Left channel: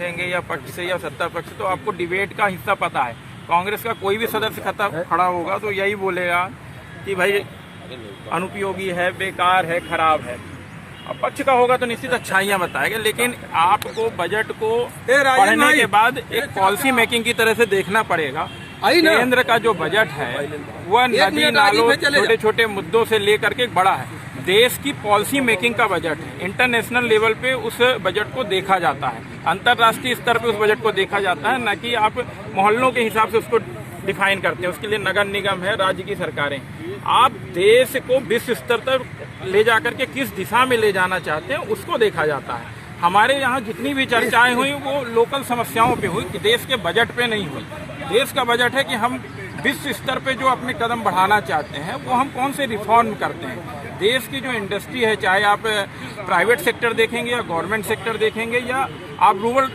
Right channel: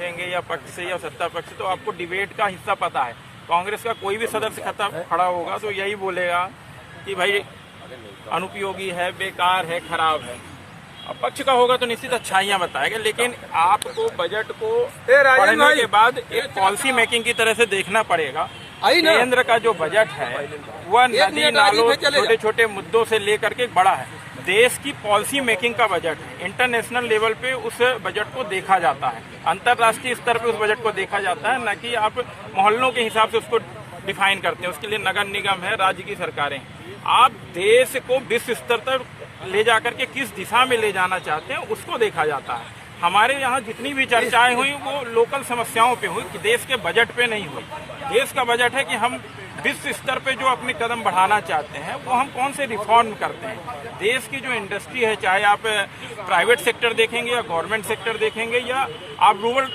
रखेंगे या पक्ष से या सत्ता पक्ष, तो आपको डिबेट का हिस्सा पता है। कांग्रेस का कोई भी सदस्य खड़ा होगा तो यही बोलेगा कि भाई अनुपयोगी है, बेकार है, खराब है। अब पक्ष का होगा तो निश्चित अच्छाइयां बताएगा, लेकिन आपको बजट को पढ़ने के बाद एक पॉलिसी मेकिंग की तरह से देखना पड़ेगा। केंद्र का जो बजट है वह नदी नालों छोटे छोटे मुद्दों से लेकर के बड़ा है। देश की पॉलिसी मेकिंग का बजट है। इंटरनेशनल लेवल पे उस बजट को देखा जाता है, अंतर्राष्ट्रीय स्तर पे उस बजट को देखा जाता है, न कि आप मोहल्लों के हिसाब से उसको डिफाइन करते हैं। उसके लिए नगर निगम है, राज्य की सरकारें। आप देश को विश्व स्तर तक ले जाकर के किस दिशा में ले जाना चाहते हैं उसको देखा जाता है। हमारे यहाँ जितनी भी चर्चाएं हुई वो लोकल समस्याओं पे हुई, देश के बजट पे नहीं हुई। देश का बजट है कि हम विश्व स्तर पे जो अपने कदम बढ़ाना चाहते हैं वो हम कौन से रिफॉर्म करते हैं। देश की जो इंडस्ट्री है, चाहे आप प्राइवेट सेक्टर देखेंगे या गवर्नमेंट सेक्टर देखेंगे या आप रूरल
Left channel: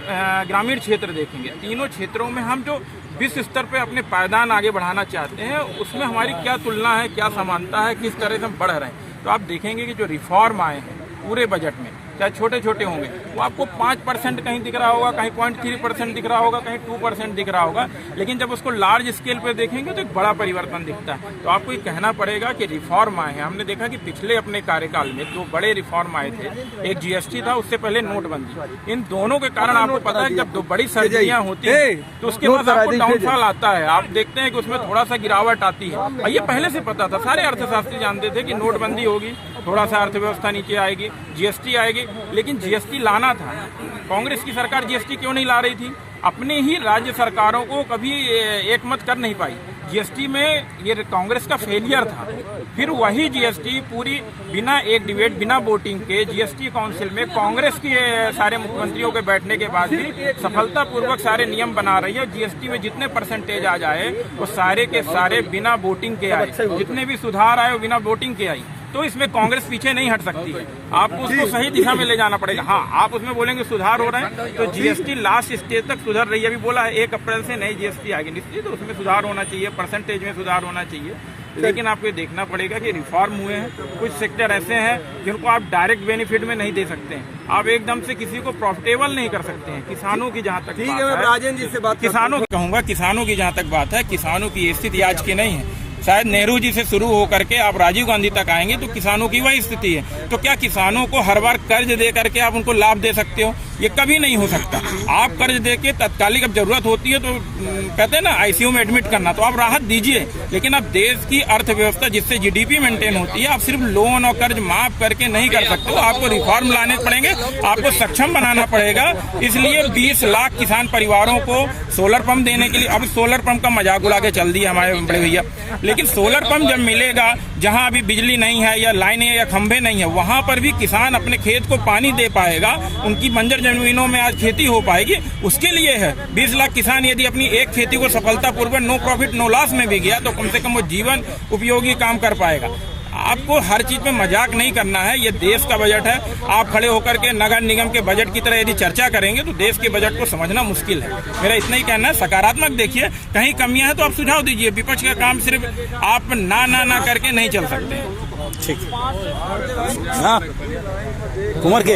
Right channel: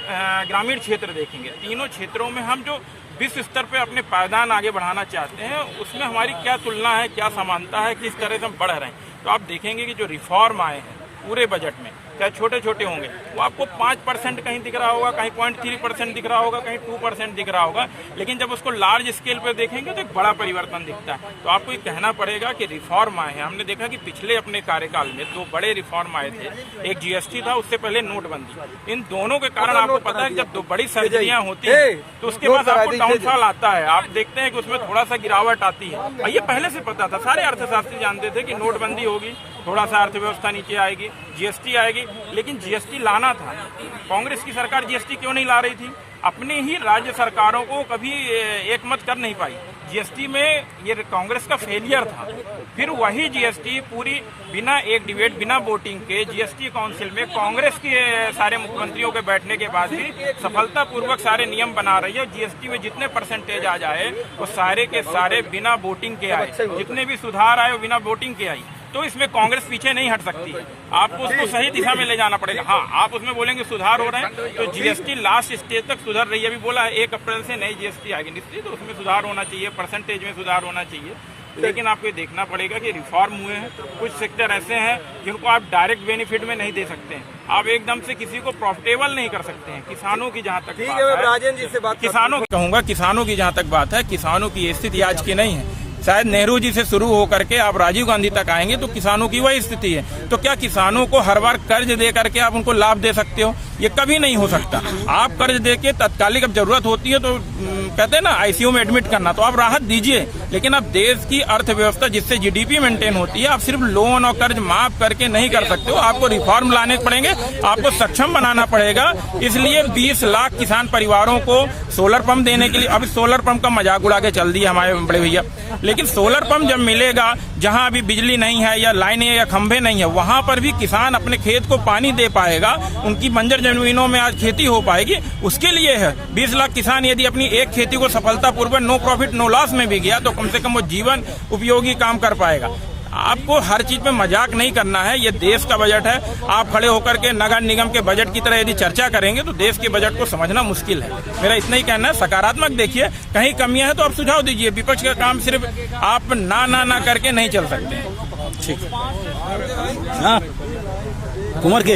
ग्रामीण क्षेत्र देखेंगे, तीनों क्षेत्रों में हम जो विश्व स्तर पे अपने पायदान आगे बढ़ाना चाहते हैं उसमें हमारी क्या तुलना है, क्या समानता है, किस तरह से हम बढ़ रहे हैं। तो आप देखेंगे कि जो रिफॉर्म आए हैं पूरे बजट में, चाहे छोटे छोटे होंगे, वो आपको 5% कहीं दिख रहा होगा, कहीं 0.3% दिख रहा होगा, कहीं 2% दिख रहा होगा, लेकिन जब उसको लार्ज स्केल पे देखेंगे तो एक बड़ा परिवर्तन दिखता है। तो आपको ये कहना पड़ेगा कि रिफॉर्म आए हैं। हमने देखा कि पिछले अपने कार्यकाल में 2 बड़े रिफॉर्म आए थे, एक जीएसटी था, उससे पहले नोटबंदी। इन दोनों के कारण आपको पता है कि जब 2 बड़ी सर्जरियां होती है तो उसके बाद आपको डाउनफॉल आता है। आप देखते हैं कि उसमें थोड़ा सा गिरावट आती है, और ये पहले से पता था। सारे अर्थशास्त्री जानते थे कि नोटबंदी होगी, थोड़ा सा अर्थव्यवस्था नीचे आएगी, जीएसटी आएगी, लेकिन जीएसटी लाना था। कांग्रेस की सरकार जीएसटी क्यों नहीं ला रही थी? अपने ही राज्य सरकारों को कभी एकमत कर नहीं पाई। जीएसटी में ये कांग्रेस का फेलियर था। फिर वही जीएसटी पूरी बिना एक डिबेट, बिना वोटिंग के जीएसटी काउंसिल में कांग्रेस के सारे मुख्यमंत्रियों के बैठने के बाद भी सफलतापूर्वक सारे नियम बना रही है। जीएसटी में जितने परसेंटेज आ जाए वो सारे के सारे बिना वोटिंग के आए, जितने भी सुधार आए वो बिना वोटिंग के आई। तो इसमें कांग्रेस पीछे नहीं हट सकती है। आपको उसको सही दिशा में ले जाना पड़ेगा। हाँ, आप उसमें बोलेंगे सुधार हो रहे हैं, तो जीएसटी लास्ट स्टेज तक सुधर रही है। अभी बोला है 1 अप्रैल से नई जीएसटी आएगी, निश्चित तो उसमें सुधार होना चाहिए, परसेंटेज में सुधार होना चाहिए। लेकिन आपको देखना पड़ेगा कि रिफॉर्म हुए हैं। कुछ सेक्टर ऐसे हैं जिनको आप डायरेक्ट बेनिफिट में नहीं दे सकते हैं। आप एकदम से किसी को प्रॉफिटेबल नहीं कर सकते हैं। किसानों की जहाँ तक बात है, राजेंद्र जी से बात किसानों की कहूँगा, किसानों की जहाँ तक बात है, किसानों की स्थिति आज की नहीं है। शायद नेहरू जी से शुरू होकर के आप राजीव गांधी तक आएंगे तो किसानों की वही स्थिति है। तो क्या किसानों को हर बार कर्ज दे करके आप उनको लाभ दे सकते हो? ये कभी नहीं हो सकता। आप कर्ज दे के तत्कालिक अब जरूरत होती है तो कहते हैं ना आईसीयू में एडमिट करना, तो आप राहत दीजिए। लेकिन अब देश की अर्थव्यवस्था जिससे जीडीपी मेंटेन होती है, आप सिर्फ लोन और कर्ज माफ करके नहीं कर सकते हो। आपको रिफॉर्म लाने पड़ेंगे, आपको सक्षम बनाना पड़ेगा। इसलिए 20 लाख किसान परिवारों को सोलर पंप देने के लिए, अभी सोलर पंप का मजाक उड़ा के चल दिया हमारे बड़े भैया, लेकिन सोलर पंप जब मिलेगा, जहां अभी बिजली नहीं है या लाइनें या खंभे नहीं है, वहां पर भी किसान अपने खेत को पानी दे पाएगा, उनकी बंजर जमीनों में आज खेती हो पाएगी। उसके लिए है 20 लाख किसान यदि अपनी एक खेती को सफलतापूर्वक नो प्रॉफिट नो लॉस में भी गया तो कम से कम वो जीवन उपयोगी काम कर पाएगा। आपको हर चीज में मजाक नहीं करना है। ये देश का बजट है। आप खड़े होकर के नगर निगम के बजट की तरह यदि चर्चा करेंगे तो देश के बजट को समझना मुश्किल है। मेरा इतना ही कहना है। सकारात्मक देखिए, कहीं कमियां हैं तो आप सुझाव दीजिए। विपक्ष का काम सिर्फ आप ना करके नहीं चल सकते। ठीक, हाँ कुमार के